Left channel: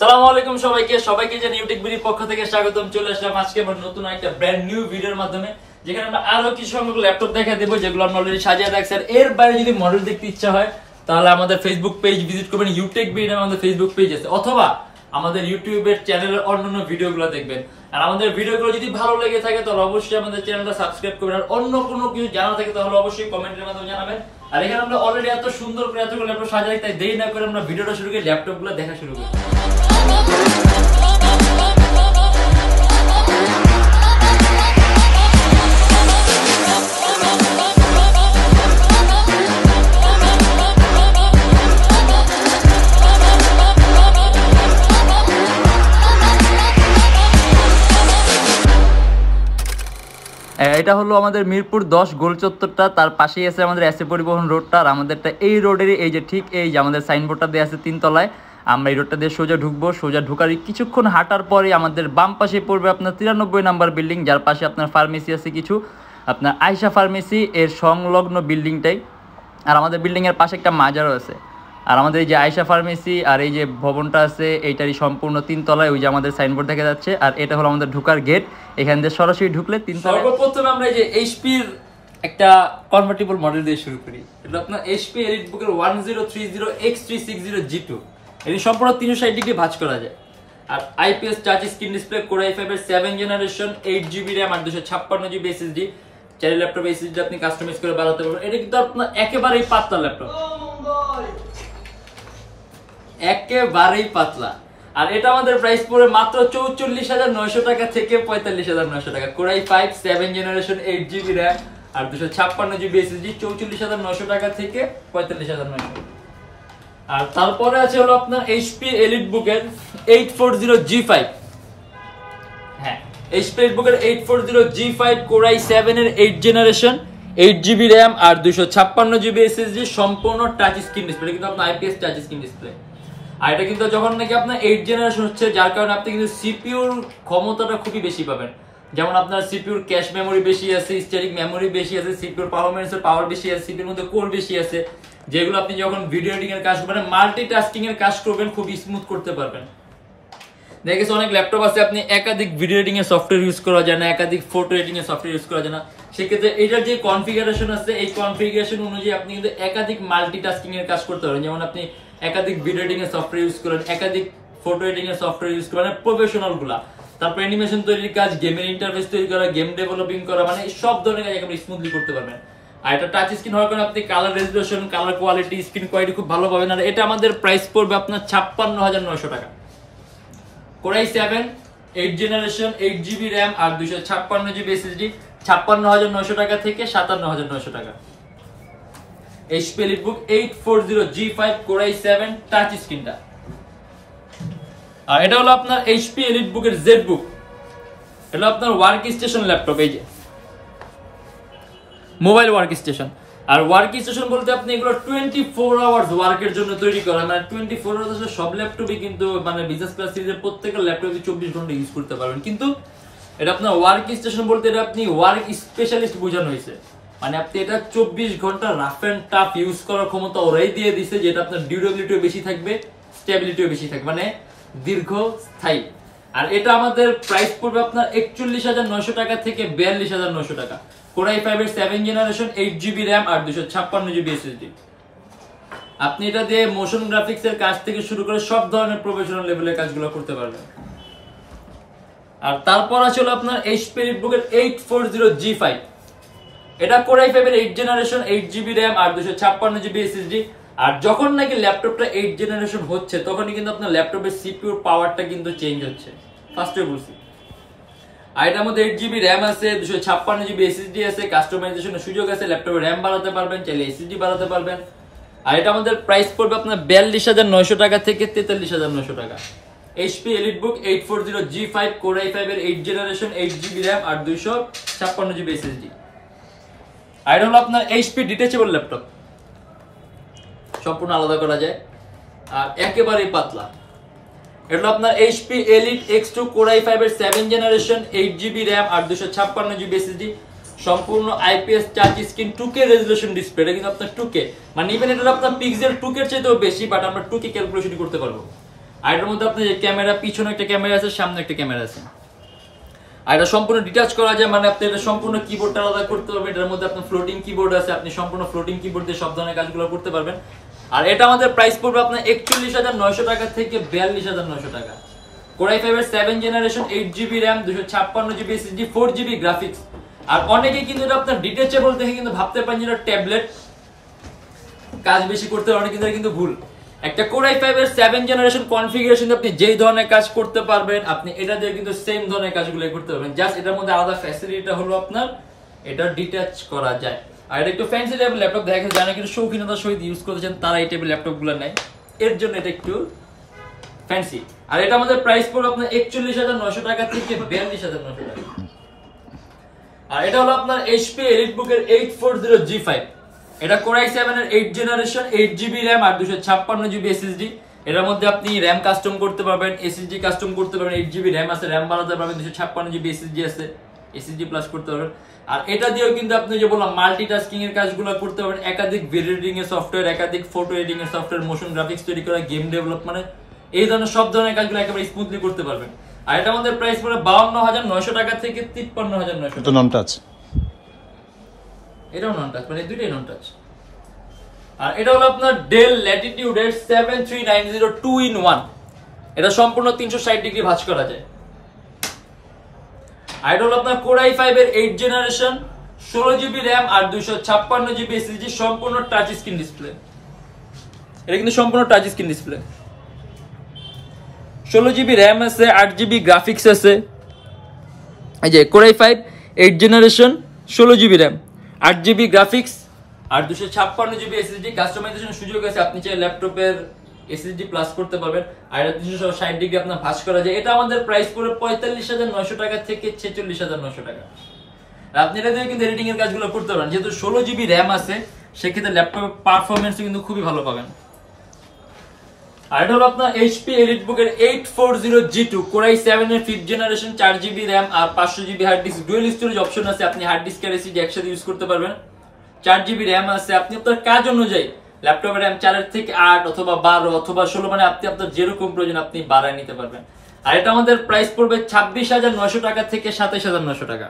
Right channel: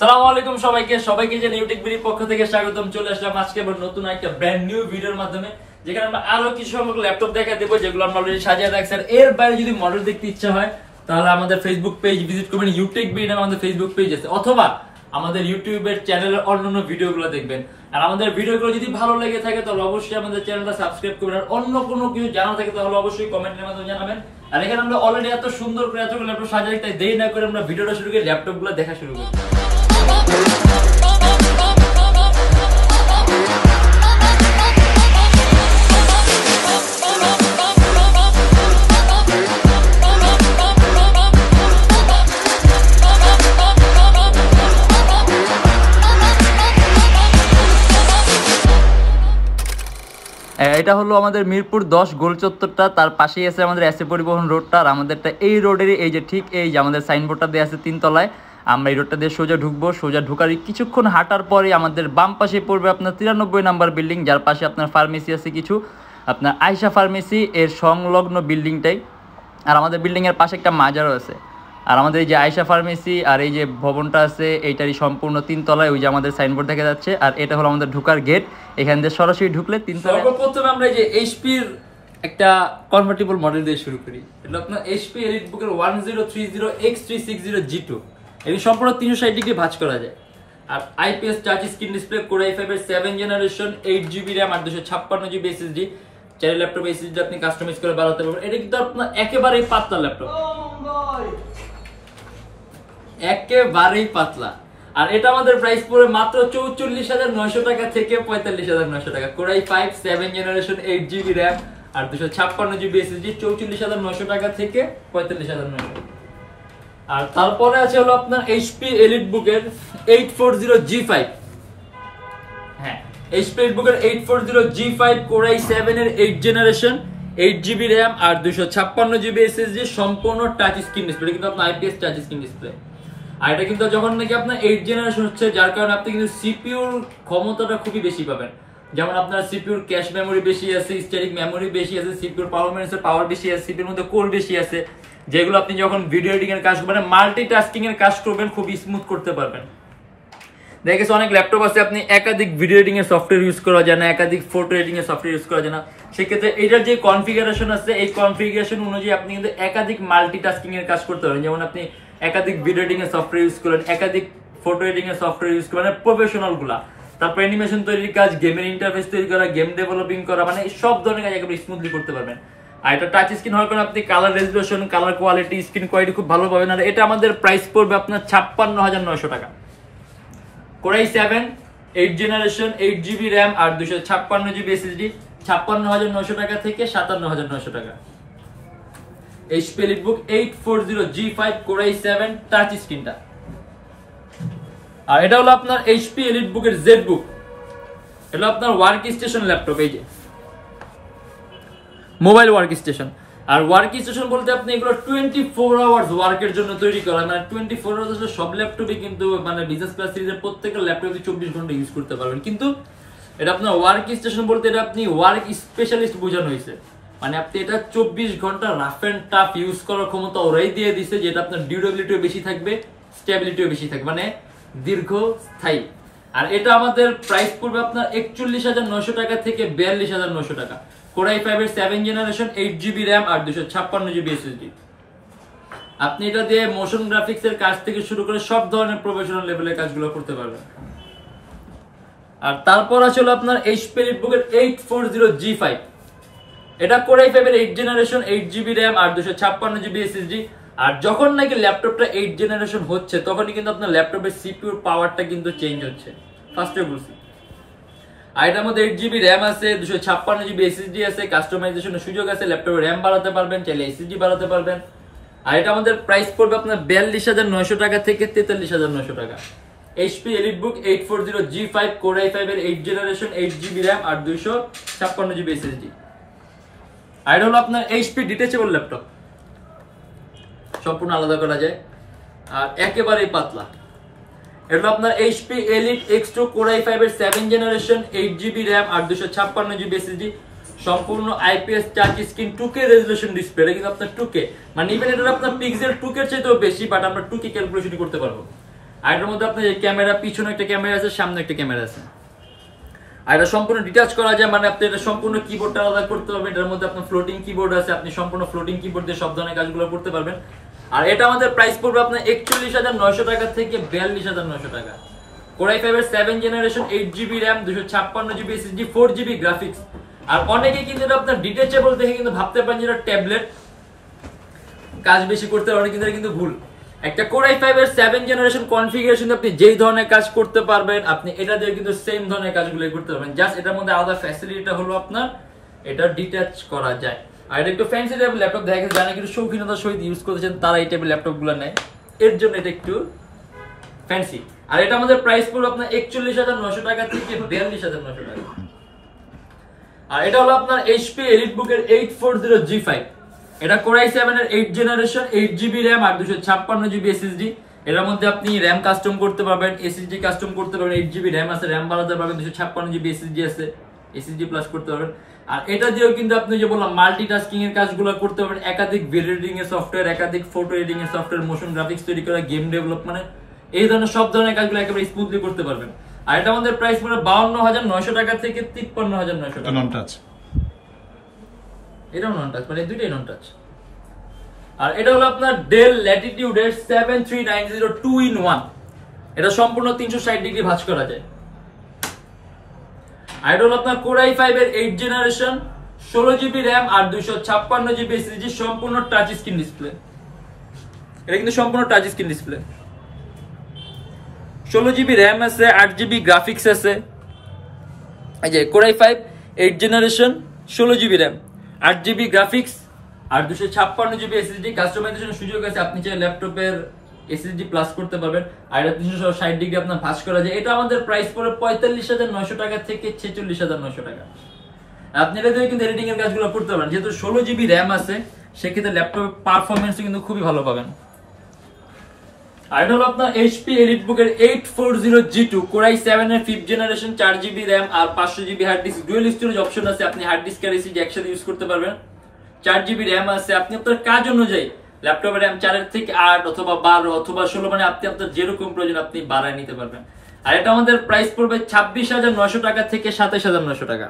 আসসালামু আলাইকুম সবাইকে যে Youtechbd পক্ষ থেকে স্বাগতম। চলে আসলাম আজকে আবার নতুন একটা ব্র্যান্ড নিউ ভিডিওর মাধ্যমে, যেখানে আমরা আরো কিছু সংখ্যক ল্যাপটপ দেখাই দেব যেগুলো আমরা অলরেডি সাজিয়ে রাখছি। আর এর বাইরে যদি মডেল দেখতে ইচ্ছা হয় তাহলে আমাদের ফেসবুক পেজ ভিজিট করবেন। Youtechbd নামে আমাদের ফেসবুক পেজ আছে, অথবা আমাদের ইউটিউবের চ্যানেলের অন্যান্য ভিডিওগুলো দেখবেন। আর আমাদের ভিডিওগুলো যদি ভালো লেগে থাকে তাহলে অবশ্যই আমাদের চ্যানেলটা সাবস্ক্রাইব করবেন। আর অন্য কোনো কিছু জানা থাকে তাহলে অবশ্যই কমেন্টের মাধ্যমে জানাবেন। আর এখানে আমরা অলরেডি এত সুন্দর করে এতগুলো ল্যাপটপ সাজানো, তাই দেরি না করে আমরা ভিডিওটা শুরু করি, ল্যাপটপগুলো দেখা শুরু করি। এটা হলো আমাদের মিরপুর 10 গোল চত্বরটা, তার পাশেই আছে আমাদের এসএ পরিবহন রোডটা। আর আমাদেরটা এই রোডেরই এই যে ঠিক এই যে আমাদের সাইনবোর্ডটা দেওয়া আছে 3 তলায়। আমরা এই রোডটা দিয়ে সোজা ঢুকবো, সোজা ঢুকার কিছুক্ষণ হাঁটার পরে আমাদের বাম পাশে পড়বে আপনার 93 নাম্বার বিল্ডিং, যার পাশে আপনার ফার্মেসি আছে কিছু, আপনার আয়শা ফার্মেসি এর সংলগ্ন বিল্ডিংটাই। আর আমাদের বিল্ডিংয়ের পাশে একটা মাজারও আছে। আর আমাদের এই যে আয়শা ফার্মেসি আর এই যে ভবনটা আছে এইটারই সম্পূর্ণ 3 তলায়, ওই যে আমাদের সাইনবোর্ড দেখা যাচ্ছে। আর এটা হলো আমাদের ঢোকার গেট, এখান দিয়ে সরাসরি ঢুকলে 3 তলায়। সর্বপ্রথমে আমরা এই যে এইচপির একটা কনভার্টেবল মডেল দিয়ে শুরু করি। এটা আপনার এইচপি এলিটবুকের 1030X360G2। এটি সম্পূর্ণ 360 ডিগ্রি ভাঁজ করা যায়। আর IPS touch screen display, core i5 এর 7 জেনারেশন, 8GB RAM আর 256GB SSD। চাইলে ল্যাপটপ SSD আপনি কাস্টমাইজ করে বাড়াতে পারবেন। এটা কিন্তু আপনার একেবারেই পাতলা ল্যাপটপ, একেবারেই পাতলা। আর এটা আমাদের প্রাইস পড়ে মাত্র 44,900 টাকা থেকে 45,900 টাকা। Core i5 7 generation, 8GB RAM আর 256GB SSD, 44,900 টাকা থেকে 45,900। আর তারপরে আছে হলো আপনার এইচপি এলিটবুকের 840G5। হ্যাঁ, এইচপি এলিটবুকের 840G5 কোর i7 এর 8 জেনারেশন, 8GB RAM আর 256GB SSD, সম্পূর্ণ টাচ স্ক্রিন ডিসপ্লে, কিন্তু আপনার আইপিএস টাচ স্ক্রিন ডিসপ্লে। আর এটা কিন্তু যখন নাকি আপনার 8 জেনারেশন হচ্ছে, যার কারণে আপনি কিন্তু সিপিইউর ক্ষমতাটা খুবই বেশি পাবেন। যেমন আপনার সিপিইউর ক্যাশ মেমোরি বেশি আছে, স্ট্যাটিক মেমোরি বেশি আছে, সিপিইউর পারফরম্যান্সের পাওয়ার বেশি আছে, সিপিইউর মধ্যে কোর বেশি আছে, যেগুলো আপনি যখন ভিডিও এডিটিং এর কাজ করবেন, মাল্টিটাস্কিং এর কাজ করবেন, খুব স্মুথ করতে পারবেন। দেখা গেছে অনেক ল্যাপটপ আছে আপনি একাধিক ভিডিও এডিটিং এর সফটওয়্যার ইউজ করা যায় না, একাধিক ফটো এডিটিং এর সফটওয়্যার ইউজ করা যায় না। সেক্ষেত্রে এটার যে কনফিগারেশন আছে, এই কনফিগারেশন অনুযায়ী আপনি কিন্তু একাধিক মাল্টিটাস্কিং এর কাজ করতে পারেন। যেমন আপনি একাধিক ভিডিও এডিটিং এর সফটওয়্যার ইউজ করেন, একাধিক ফটো এডিটিং এর সফটওয়্যার ইউজ করেন, প্রফেশনাল গুলা, তারপর অ্যানিমেশন তৈরির কাজ, গেমের ইন্টারফেস তৈরি করা, গেম ডেভেলপিং করা, মানে সব ধরনের কাজ একেবারে স্মুথলি করতে পারবেন। আর এটা টাচ স্ক্রিন হওয়ার কারণে আপনি colour resolution, colour quality, screen quality খুব ভালো পাবেন। আর এটা আমাদের প্রাইস পড়বে আপনার 56,900 টাকা। Core i7 8 generation, 8GB RAM আর 256GB SSD, 56,900 টাকা থেকে 57,900 টাকা। HP EliteBook 840G5 core i7 touch স্ক্রিনটা। আর এটা হলো আপনার এইচপি এলিটবুকের জেডবুক। এটা আপনার ওয়ার্ক স্টেশন ল্যাপটপ, এই যে মোবাইল ওয়ার্ক স্টেশন। আর ওয়ার্ক স্টেশন বলতে আপনি এগুলো 24 আওয়ার্স ওয়ার্কের জন্য তৈরি করা, মানে 24 আওয়ার্স সব ল্যাপটপই কিন্তু মানে বিজনেস ক্লাস সিরিজের প্রত্যেকটা ল্যাপটপে 24 ঘন্টা ইউজ করতে পারবেন। কিন্তু এটা আপনার ওয়ার্ক স্টেশন বলতে এটা আপনি ওয়ার্ক স্পেশালিস্ট বোঝানো হয়েছে, মানে আপনি এটা 24 ঘন্টা রাফ এন্ড টাফ ইউজ করার ক্ষমতা ওরাই দিয়ে দিছে, যেটা আপনার ডিউরেবিলিটিও বেশি থাকবে, স্টেবিলিটিও বেশি থাকবে, মানে দীর্ঘস্থায়ী। আর এটা আমাদের প্রাইস পড়বে আপনার 41,900 টাকা থেকে 42,900 টাকা। কোর i5 এর 7 জেনারেশন, 8GB RAM আর 256GB SSD। আপনি এটা দিয়ে মোশন গ্রাফিক্স এর কাজ থেকে শুরু করে সব ধরনের প্রফেশনাল লেভেলের কাজগুলো করতে পারবেন। আর তারপর আছে হলো আপনার এইচপি এলিটবুকের 840G5। এটা কোর i5 এর 8 জেনারেশন, 8GB RAM আর 256GB SSD। আর যখন নাকি ল্যাপটপটা 8 জেনারেশন হচ্ছে তখনই কিন্তু আপনার ল্যাপটপের সিপিইউর পাওয়ারটা কিন্তু চেঞ্জ হচ্ছে, ফার্স্টে বলছি। আর এটার মধ্যে 8GB RAM আছে, 256GB SSD আছে, কাস্টমাইজেশনের সুযোগ আছে, ল্যাপটপে RAM বাড়াতে পারবেন, চাইলে SSD বাড়াতে পারবেন। আর এটা আমাদের প্রাইস পড়বে আপনার 42,900 টাকা থেকে 43,900 টাকা। HP EliteBook 840G5 core i5 এর 8 জেনারেশন, 8GB RAM আর 256GB SSD। আর এটা হলো আপনার এইচপি ডিটেচেবল ল্যাপটপ, সম্পূর্ণ আলাদা করা যায় আর একেবারেই পাতলা। এটা আপনার HP elite X2 core i5 এর 7 জেনারেশন, 8GB RAM আর 256GB SSD, সম্পূর্ণ IPS touch screen 2K resolution display. এটা কিন্তু আপনার 2K, মানে ইভেন এটা আপনার পিক্সেল 2K এর চাইতেও বেশি, বাট আমরা 2K ক্যালকুলেশন করতে পারবো। আর এটার মধ্যে আপনার ক্যামেরা, পিছনে একটা ক্যামেরা আছে, সামনে একটা ক্যামেরা আছে। আর এটা সম্পূর্ণ ডিটাচ করা যায়, মানে আপনি এটা সম্পূর্ণ কিবোর্ডটা আলাদা করতে পারবেন। এটার মধ্যে আপনার ফ্লোটিং কিবোর্ড আছে, আপনি সম্পূর্ণ ফ্লোটিং কিবোর্ড দিয়ে সব ধরনের কাজগুলো করতে পারবেন। আর এটা আমাদের প্রাইস পড়বে আপনার 41,900 টাকা থেকে 42,900 টাকা। Core i5 এর 7 generation, 8GB RAM, 256GB SSD, 4GB graphics. আর অনেকে কিন্তু এটা আপনার ডিটাচেবল দেখে কিন্তু ভাবতে পারেন যেটা ট্যাবলেট, কাজ বেশি করতে পারবেন, কিন্তু এটা কিন্তু ভুল। একটা Core i5 এর 7 জেনারেশন কনফিগারেশন আপনি যেই ধরনের কাজ করতে পারবেন, আপনি এটা দিয়ে কিন্তু সেম ধরনের কাজগুলো করতে পারবেন। জাস্ট এটার মধ্যে আলাদা ফ্যাসিলিটিটা হলো আপনার এটা ডিটাচ করা যায়। আর এটা একটু ফ্যান্সি টাইপের ল্যাপটপ, দেখেন যারা কিন্তু শৌখিনতার সহিত ইউজ করতেছেন তারা এই টাইপের ল্যাপটপগুলো নেয়, এর জন্য এটা একটু ফ্যান্সি। আর এটা আমাদের প্রাইস পড়বে আপনার 41,900 টাকা থেকে 42,900 টাকা। আর এটা হলো আপনার HP EliteBook এর 840G5। এটা Core i7 এর 8 জেনারেশন, 8GB RAM আর 256GB SSD। এটার মধ্যে আপনি RAM কাস্টম করতে পারবেন, SSD কাস্টম করতে পারবেন। 8GB RAM আছে, RAM বাড়াতে পারবেন, 256GB SSD আছে, SSD প্লাস করতে পারবেন। আর এটা দিয়েও কিন্তু আপনি যে বললাম মাল্টিটাস্কিং এর কাজগুলো করতে পারবেন, একাধিক ভিডিও এডিটিং এর সফটওয়্যার, একাধিক ফটো এডিটিং এর সফটওয়্যার, মোশন গ্রাফিক্স তৈরি করা, গেম ডেভেলপমেন্ট, এই ধরনের সব ধরনের কাজগুলো একেবারে স্মুথলি করতে পারবেন। আর এটা আমাদের প্রাইস পড়ে 52,900 টাকা থেকে 53,900 টাকা। নন টাচ, এটাও নন টাচ, মানে দুইটাই নন টাচ। আর এটা হলো আপনার Dell Latitude এর 7390 2-in-1। এটা সম্পূর্ণ 360 ডিগ্রি ভাঁজ করা যায়। আর এটা হলো আপনার Core i5 এর 8 জেনারেশন, 16GB RAM আর 256GB SSD, সম্পূর্ণ টাচ স্ক্রিন ডিসপ্লে। এটা কিন্তু সম্পূর্ণ touch screen display. 16GB RAM আছে, 8GB গ্রাফিক্স আছে। এই যে Core i5 8 generation, 16GB RAM, 8GB graphics আর 256GB SSD। কাস্টমাইজেশন সুযোগ আছে, আপনি চাইলে ল্যাপটপের SSD প্লাস করতে পারবেন। আর এটা 360 ডিগ্রি আপনার ভাঁজ করা যায়। এটা আমাদের প্রাইস পড়ে 45,900 টাকা থেকে 46,900 টাকা। আপনি এটা দিয়ে কিন্তু এডিটিং এর কাজগুলো করতে পারবেন, যেহেতু 16GB RAM আছে সেক্ষেত্রে ল্যাপটপের পারফরমেন্স কিন্তু খুবই ভালো পাবেন। আর এটা হলো আপনার HP EliteBook এর 840G2, Core i7 এর 5th জেনারেশন, 4GB RAM আর 500GB hard disk. Dual storage option আছে, আপনি হার্ড ডিস্ক আর SSD একসাথে ইউজ করতে পারবেন। 4GB RAM আছে, আপনি আপনার কাজ অনুযায়ী ল্যাপটপের RAM 4 থেকে 8 অথবা 12 অথবা 16, মানে আপনি আপনার যেরকম প্রয়োজন আপনি বাড়ায় নিতে পারবেন। আর এটা আমাদের প্রাইস পড়বে 26,900 টাকা থেকে 27,900 টাকা।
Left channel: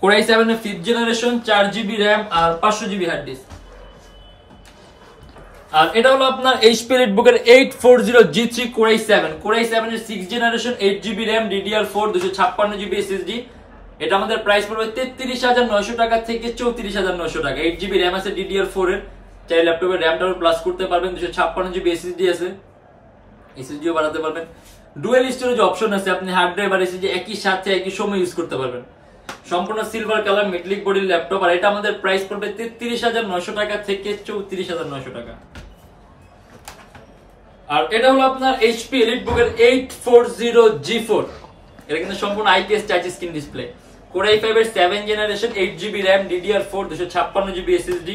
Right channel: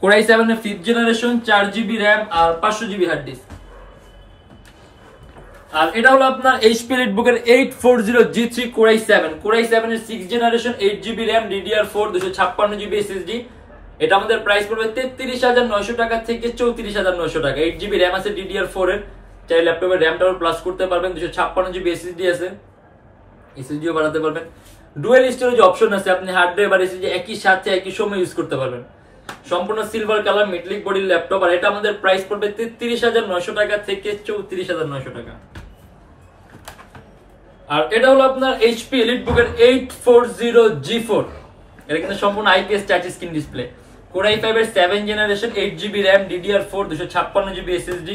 Core i7 এর 5th জেনারেশন, 4GB RAM আর 500GB হার্ড ডিস্ক। আর এটা হলো আপনার HP EliteBook এর 840G3, Core i7 এর 6 generation, 8GB RAM, DDR4, 256GB SSD। এটা আমাদের প্রাইস পড়বে 33,900 টাকা থেকে 34,900 টাকা। 8GB RAM আছে DDR4 এর, চাই ল্যাপটপের RAM-টাও প্লাস করতে পারবেন, 256GB SSD আছে, SSDও বাড়াতে পারবেন। ডুয়াল স্টোরেজ অপশন আছে, আপনি হার্ড ড্রাইভ আর SSD একই সাথে একই সময় ইউজ করতে পারবেন। সম্পূর্ণ সিলভার কালার মেটালিক বডির ল্যাপটপ। আর এটা আমাদের প্রাইস পড়বে 33,900 টাকা থেকে 34,900 টাকা। আর এটা হলো আপনার HP EliteBook এর 840G4। এটা কিন্তু সম্পূর্ণ IPS touch screen display. Core i5 এর 7 generation, 8GB RAM, DDR4, 256GB SSD।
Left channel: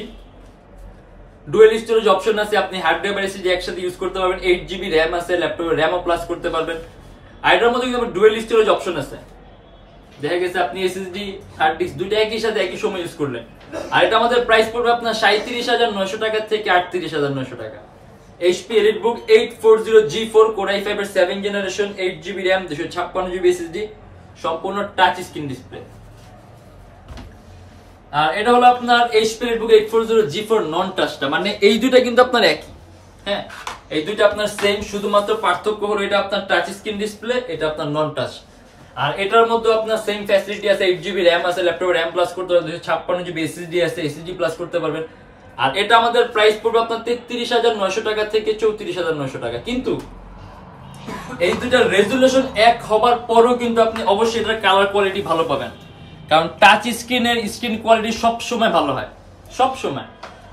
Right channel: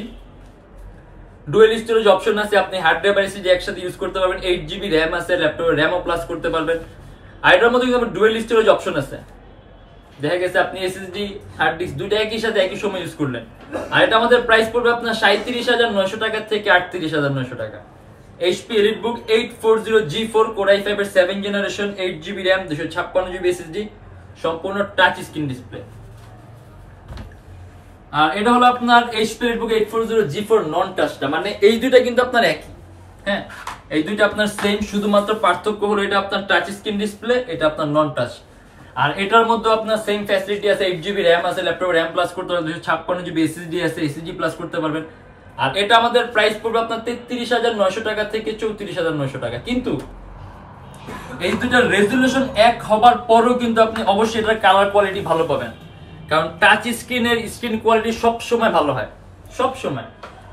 Dual storage option আছে, আপনি হার্ড ড্রাইভ আর SSD একসাথে ইউজ করতে পারবেন। 8GB RAM আছে, ল্যাপটপে RAM ও প্লাস করতে পারবেন। আর এটার মধ্যে কিন্তু ডুয়াল স্টোরেজ অপশন আছে, দেখা গেছে আপনি SSD হার্ড ডিস্ক দুইটা একই সাথে একই সময় ইউজ করলেন। আর এটা আমাদের প্রাইস পড়বে আপনার 37,900 টাকা থেকে 38,900 টাকা। HP EliteBook 840G4, Core i5 এর 7 generation, 8GB RAM, 256GB SSD, সম্পূর্ণ টাচ স্ক্রিন ডিসপ্লে। আর এটা হলো আপনার HP EliteBook 840G4 নন টাচটা, মানে এই দুইটা কিন্তু আপনার একই, হ্যাঁ এই দুইটা আপনার সেম, শুধুমাত্র পার্থক্য হলো এটা আপনার টাচ স্ক্রিন ডিসপ্লে, এটা আপনার নন টাচ। আর এটার মধ্যে আপনার সেম ফ্যাসিলিটি আছে, 8GB RAM আছে, ল্যাপটপে RAM প্লাস করতে পারবেন, 256GB SSD আছে, SSD প্লাস করতে পারবেন। আর এটা আমাদের প্রাইস পড়বে আপনার 33,900 টাকা থেকে 34,900 টাকা। কিন্তু এই দুটার রেজুলেশন এক হবার পরও কিন্তু আপনি অবশ্যই এটার কালার কোয়ালিটি ভালো পাবেন, কারণ টাচ স্ক্রিনের স্ক্রিন কোয়ালিটি সব সময় ভালো হয়, সব সময়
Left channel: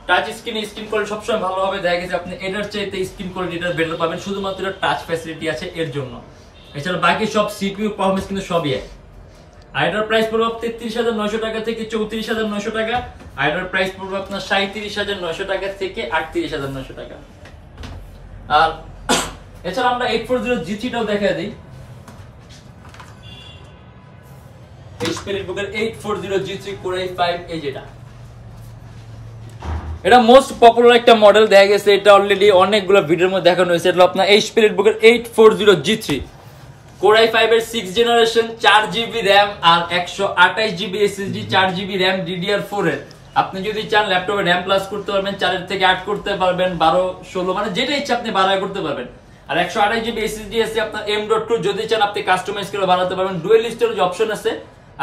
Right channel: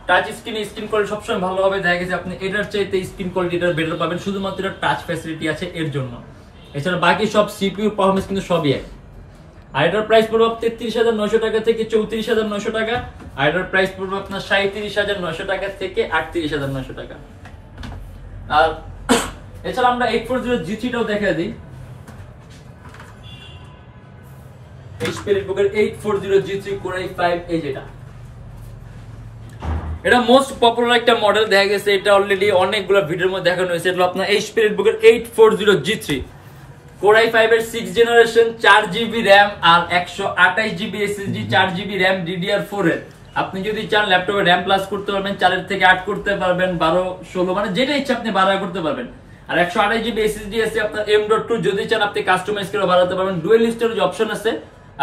টাচ স্ক্রিনের স্ক্রিন কোয়ালিটি সব সময় ভালো হবে। দেখা গেছে আপনি এটার চাইতে স্ক্রিন কোয়ালিটি এটার বেটার পাবেন, শুধুমাত্র এটা টাচ ফ্যাসিলিটি আছে এর জন্য। এছাড়া বাকি সব CPU পারফরম্যান্স কিন্তু সবই এক। আর এটার প্রাইস পড়বে 33,900 টাকা থেকে 34,900 টাকা। আর এটার প্রাইস পড়বে আপনার 37,900 টাকা থেকে 38,900 টাকা। আর এছাড়া আমরা 840G3টাও দেখা দিই। HP EliteBook এর 840G3 Core i5, এই যেটা এটা মোস্ট পপুলার একটা মডেল, দেখা গেছে এটা অলরেডি অনেকগুলো ভিডিওর মধ্যে দেখানো হয়েছে। এটা আপনার এইচপি রেডবুকের 840G3 Core i5 এর 6th জেনারেশন, 4GB RAM আর 128GB SSD, 4GB RAM DDR4 এর। আপনি যদি চান ল্যাপটপে RAM প্লাস করতে পারবেন, 4 এর থেকে 8 করতে পারবেন, 12 16 মানে যেটা ইচ্ছা আপনি 12 করতে পারবেন। আর 128GB SSD আছে আপনার M.2, যদি চান আপনি কাস্টমাইজ করে বাড়াতে পারবেন। ডুয়াল স্টোরেজ অপশন আছে,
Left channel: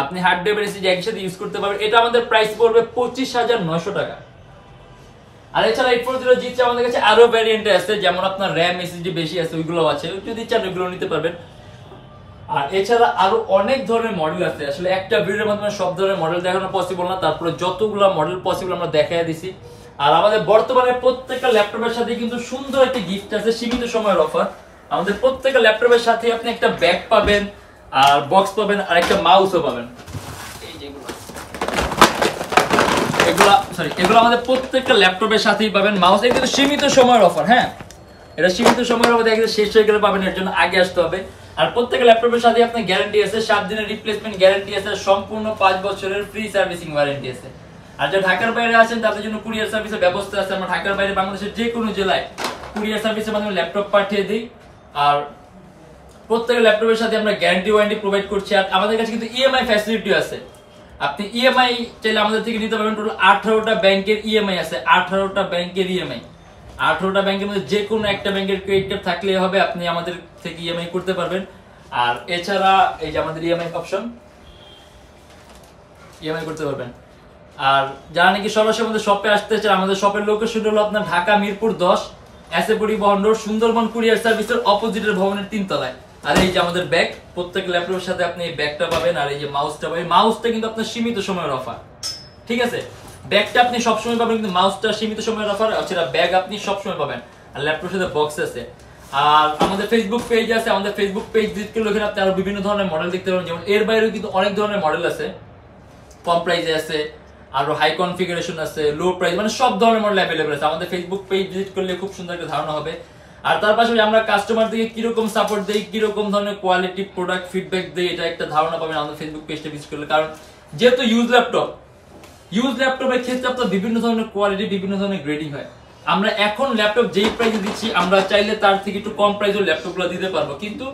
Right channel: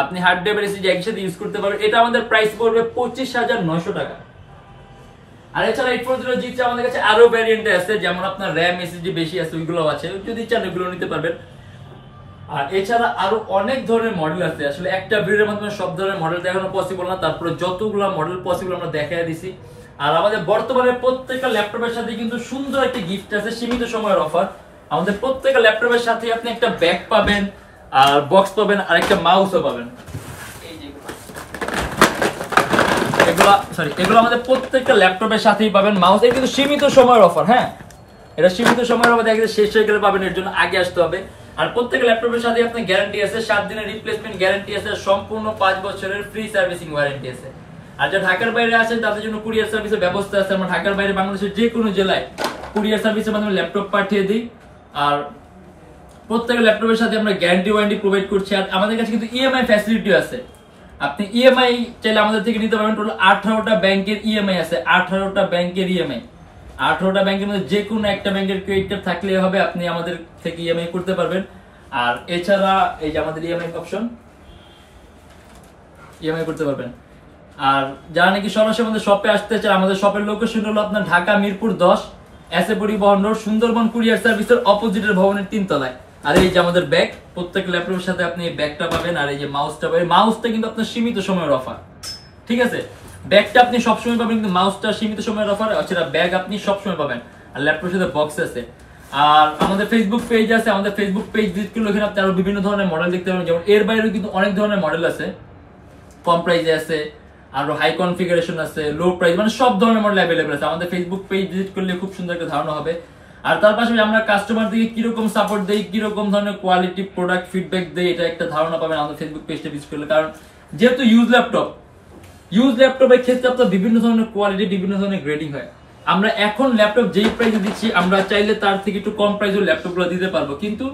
আপনি হার্ড ড্রাইভ SSD একই সাথে ইউজ করতে পারবেন। এটা আমাদের প্রাইস পড়বে 25,900 টাকা। আর এছাড়া 840G3 আমাদের কাছে আরো ভ্যারিয়েন্ট আছে, যেমন আপনার RAM SSD বেশি আছে, ওইগুলো আছে, যদি চান ওইগুলো নিতে পারবেন। আর এছাড়া আরো অনেক ধরনের মডেল আছে, আসলে একটা ভিডিওর মাধ্যমে সব ধরনের মডেল দেখানো পসিবল না, তারপরে যতগুলো মডেল পসিবল আমরা দেখাই দিছি। আর আমাদের বর্তমানে প্রত্যেকটা ল্যাপটপের সাথে কিন্তু সুন্দর একটা গিফট আছে, সীমিত সময়ের অফার। আমাদের প্রত্যেকটা ল্যাপটপের সাথে আপনি একটা ব্যাগ পাবেন, আর বক্স পাবেন, আর একটা মাউসও পাবেন। এগুলো আমাদের প্রত্যেকটা ল্যাপটপের সাথেই পাবেন। মাউস এটা কিন্তু সীমিত সময়ের অফার, হ্যাঁ এটা সীমিত সময়ের অফার, দেখে শেষ হয়ে গেলে পাবেন, এর জন্য আগে আসতে হবে। আর প্রত্যেকটা ল্যাপটপের সাথে আপনার গ্যারান্টি আছে, 7 দিনের রিপ্লেসমেন্ট গ্যারান্টি আছে, সম্পূর্ণ 5 বছরের ফ্রি সার্ভিসিং ওয়ারেন্টি আছে। আর যারা ঢাকার বাইরে আছেন তাদের জন্য কুরিয়ার সার্ভিসের ব্যবস্থা আছে। আমরা ঢাকার বাইরে বাংলাদেশের যে কোনো জেলায় কুরিয়ার সার্ভিসের মাধ্যমে ল্যাপটপ পাঠিয়ে দিই। আর প্রত্যেকটা ল্যাপটপের সাথে আমরা গ্যারান্টি ওয়ারেন্টি প্রোভাইড করছি। আর আমাদের কাছে কিন্তু ইএমআই ফ্যাসিলিটি আছে, আপনি ইএমআই চাইলে আমাদের থেকে নিতে পারবেন। টোটাল 18টা ব্যাংকের ইএমআই আছে, 18টা ব্যাংকের ইএমআই। 18টা ব্যাংকের মধ্যে যে কোনো একটা ব্যাংকের ক্রেডিট কার্ড থাকলে হবে, আপনি আমাদের থেকে ইএমআই করতে পারবেন। আর এছাড়া এই যে আমাদের ইএমআই অপশন, ইএমআই করতে পারবেন। আর যারা নাকি সরাসরি আমাদের শপে আসতে চান, আমাদের শপের লোকেশন হলো আপনার ঢাকা মিরপুর 10 এসএ পরিবহন রোড, সুন্দরবন কুরিয়ার সার্ভিসের অপোজিটের ভবনের 3 তলায়। আর এই যে আমাদের ব্যাগ, প্রত্যেক ল্যাপটপের সাথে আপনি এই ব্যাগটা পাবেন। আর এই যে মাউসটা পাবেন, মাউসটা কিন্তু আপনার সীমিত সময়ের অফার, ঠিক আছে। ব্যাগটা আপনি সবসময় পাবেন, কিন্তু মাউসটা সীমিত সময়ের অফার, সেটা ব্যাগ আপনি সবসময় পাবেন। আর ল্যাপটপের সাথে বক্স আছে। আর আমাদের ফেসবুক পেজ আছে, আমাদের ফেসবুক পেজ ভিজিট করলে ওখানে আপনি আরো বিভিন্ন ধরনের মডেল দেখতে পাবেন। যেমন এর বাইরেও কিন্তু অনেক ধরনের মডেল আছে, কম প্রাইসে আছে, আরো হাই কনফিগারেশন আছে, লো প্রাইস, মানে সব ধরনের মডেল অ্যাভেলেবল আছে। আমাদের ফেসবুক পেজ ভিজিট করলে খুব সুন্দর একটা ধারণা হবে। আর তার পাশাপাশি আমরা কাস্টমারদেরকে কিরকম সাপোর্ট দেই, কিরকম ধরনের কোয়ালিটি প্রোডাক্ট ফিডব্যাক দেই, এটা একটা ধারণা পাবেন আমাদের ফেসবুক পেজটা ভিজিট করলে। কারণ যেহেতু ইউজ ল্যাপটপের ক্ষেত্রে আপনার বিভিন্ন ধরনের কোয়ালিটি, বিভিন্ন ধরনের গ্রেডিং হয়। আমরা এখন ল্যাপটপ যেই প্রাইসে দিচ্ছি, আমরা চাইলে তার থেকে একটু কম প্রাইসের ল্যাপটপগুলো দিতে পারবো, কিন্তু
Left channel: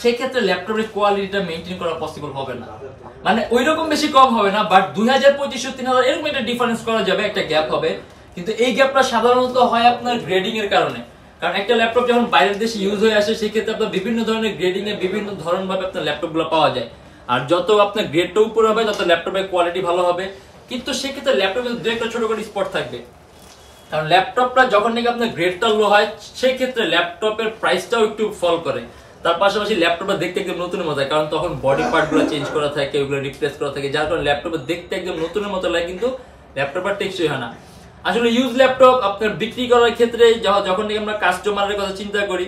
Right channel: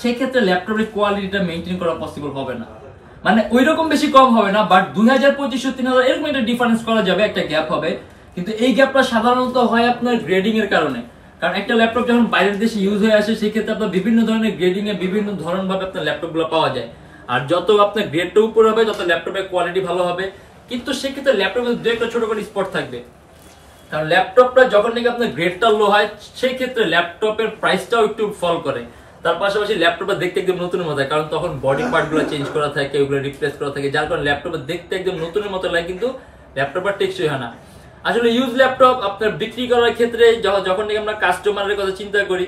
সেক্ষেত্রে ল্যাপটপের কোয়ালিটিটা মেনটেন করা পসিবল হবে না, মানে ওই রকম বেশি কম হবে না। বাট 2000-2500-3000 এরকম একটা ডিফারেন্স করা যাবে, একটা গ্যাপ হবে। কিন্তু এই গ্যাপটা সাধারণত হয় আপনার গ্রেডিং এর কারণে। কারণ একটা ল্যাপটপ যখন বাইরের দেশে ইউজ হয়ে আসে, সেই ক্ষেত্রে আপনার বিভিন্ন ধরনের গ্রেডিং এ বিভিন্ন ধরন ভাবে আপনার ল্যাপটপগুলো পাওয়া যায়। আর যত আপনার গ্রেডটা উপরে হবে, তত ল্যাপটপের কোয়ালিটি ভালো হবে। কিন্তু সেক্ষেত্রে ল্যাপটপের দু একটা ছোট করে স্পট থাকবে। কারণ ল্যাপটপটা যখন নাকি আপনার গ্রেডটা লো হয়, সেই ক্ষেত্রে ল্যাপটপের প্রাইসটাও একটু ফল করে। তার পাশাপাশি ল্যাপটপটা দেখতে একদম নতুনের মতো হয়, কারণ তখন বডি পার্ট গুলো চেঞ্জ করা থাকে, ওগুলো রিপ্লেস করা থাকে, যার কারণে ল্যাপটপটা দেখতে একদম নতুনের মতো লাগে, কিন্তু ল্যাপটপটা টেকসই হয় না। আসলে ইউজ ল্যাপটপ আপনার বিক্রি করার ক্ষেত্রে যখন নাকি আমরা কাস্টমারের কথা চিন্তা করি,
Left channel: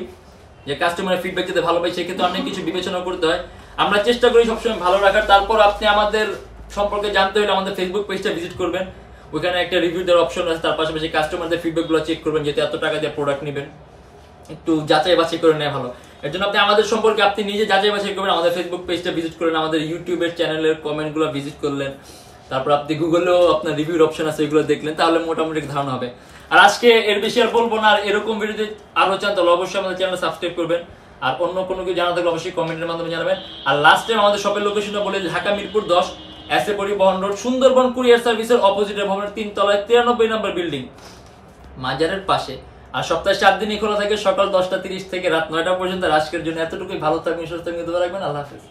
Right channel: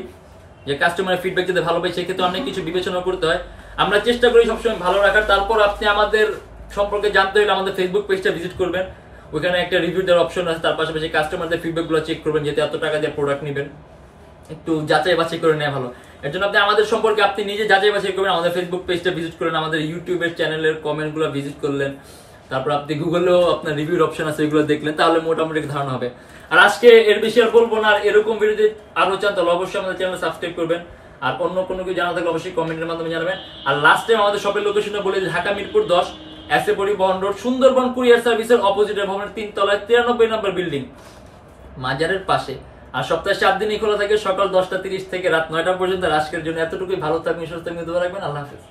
যে কাস্টমারের ফিডব্যাক যাতে ভালো পাই, সেক্ষেত্রে অনেক কিছু বিবেচনা করতে হয়। আমরা চেষ্টা করি সবসময় ভালো রাখার। তারপর আপনি আমাদের সম্পর্কে জানতে হলে আমাদের ফেসবুক পেজটা ভিজিট করবেন, ওখানে একটা রিভিউ দেওয়ার অপশন আছে। তার পাশাপাশি কাস্টমারদের ফিডব্যাক গুলো চেক করবেন, যেহেতু এত টাকা দিয়ে প্রোডাক্ট নেবেন, একটু যাচাই বাছাই করে নেওয়া ভালো। এর জন্য আপনি আমাদের সম্পর্কে আপনি নিজে যাচাই বাছাই করবেন, আমাদের ফেসবুক পেজটা ভিজিট করলেন, আমাদের ইউটিউবের চ্যানেলের কমেন্ট গুলো ভিজিট করলেন, তারপর আপনি গুগলেও আপনার রিভিউর অপশন আছে, এগুলো দেখলেন, তাহলে মোটামুটি ধারণা হবে। আর আজকে এর বেশি আর বলবো না। আর এরকম ভিডিও যদি আরো চান তাহলে অবশ্যই আমাদের চ্যানেল সাবস্ক্রাইব করবেন। আর অন্য কোনো কিছু জানা থাকলে অবশ্যই কমেন্টের মাধ্যমে জানাবেন। আর লাস্ট টাইম আমাদের শপের লোকেশনটা বলে, ঢাকা মিরপুর 10 এসএ পরিবহন রোড, সুন্দরবন কুরিয়ার সার্ভিসের অপোজিটের ভবনের 3 তলায় 93 নম্বর বিল্ডিং, মাজারের পাশে। আর সপ্তাহে 7 দিনই খোলা থাকে, সকাল 10টা 30 থেকে রাত 9টা পর্যন্ত। আজকের জন্য এতটুকুই। ভালো থাকবেন, সুস্থ থাকবেন, দোয়া রাখবেন। আল্লাহ হাফেজ।